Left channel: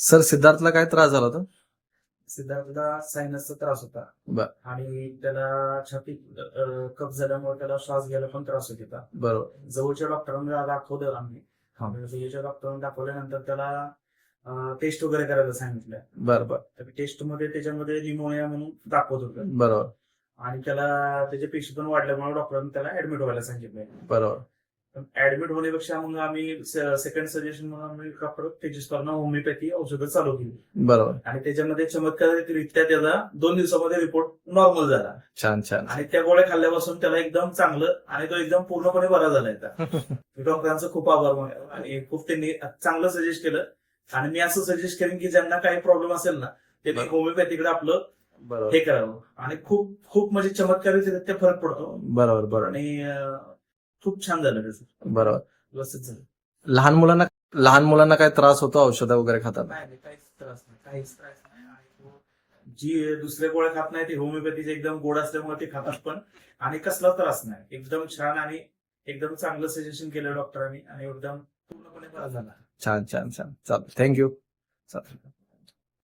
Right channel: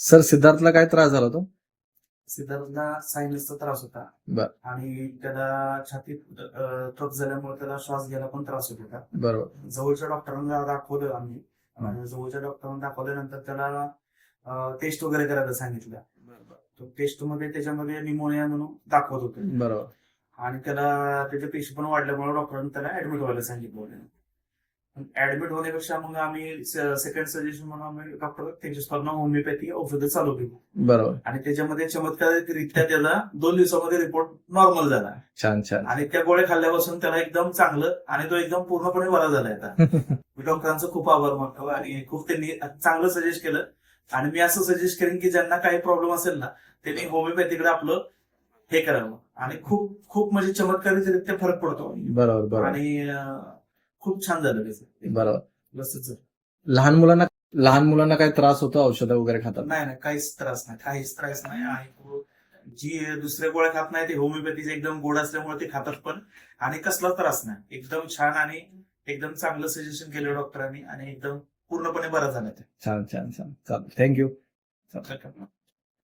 Sir सिद्धार्थला काय त्रास झाला होता? सिद्धार्थला सायनसचा त्रास होता बर. आणि त्याला छातीत कफ झाल्यामुळे त्याला श्वास घ्यायला पण त्रास होत होता. बरोबर. जवळच्या डॉक्टरांना दाखवलं आम्ही. हा. जवळच्या डॉक्टरांना दाखवल्यानंतर त्याला टेस्ट वगैरे करायला सांगितलं. बरोबर. टेस्ट मध्ये त्याच्यामध्ये निमोनिया म्हणून दाखवत होतं. बरोबर. आणि त्याला त्याचे पेशी पण वाढल्यामुळे डॉक्टरांनी त्याला ऍडमिट व्हायला सांगितलं. बरोबर. ऍडमिट होण्यापेक्षा मग आम्ही सेकंड सजेशन म्हणून आम्ही डॉक्टर तेजस्करनं होमिओपॅथी औषधं चालू केली. बरोबर. आणि त्याच्यामध्ये चमत्कारिकरित्या त्याला 2 दिवसामध्ये रिपोर्ट नॉर्मल झाला. छान छान. आणि त्या गोळ्या खाल्ल्यापासून त्याला एकदम चांगलं आणि तो एकदम पूर्णपणे बरा झाला आता. मी डॉक्टरांचं खूप आभार मानतो आणि खूप त्यांनी चांगलं सजेस्ट केलं. आणि मी असं सजेस्ट करेन की ज्यांना काही प्रॉब्लेम असेल ना त्यांनी होमिओपॅथीकडे आपलं हे करावं. आणि खूप खूप म्हणजे चमत्कारिकरित्या फरक पडतो. बरोबर. बरोबर. आणि खूप छान झालं त्याचं. बरोबर. व्यवस्थित झालं. लहान मुलांना काय त्रास होतो औषधं वगैरे खातात? नाही काहीच त्रास नाही. आणि जी दुसऱ्या गोळ्या खात नाही ते होमिओपॅथीचे एकदम गोड असल्यामुळे ते खातात पण. आणि कसला त्रास नाही. एकदम छान आणि एकदम चांगलं सजेशन केलं डॉक्टरांनी आणि एकदम पूर्णपणे बरा झाला. छान छान छान. चालेल. थँक्यू.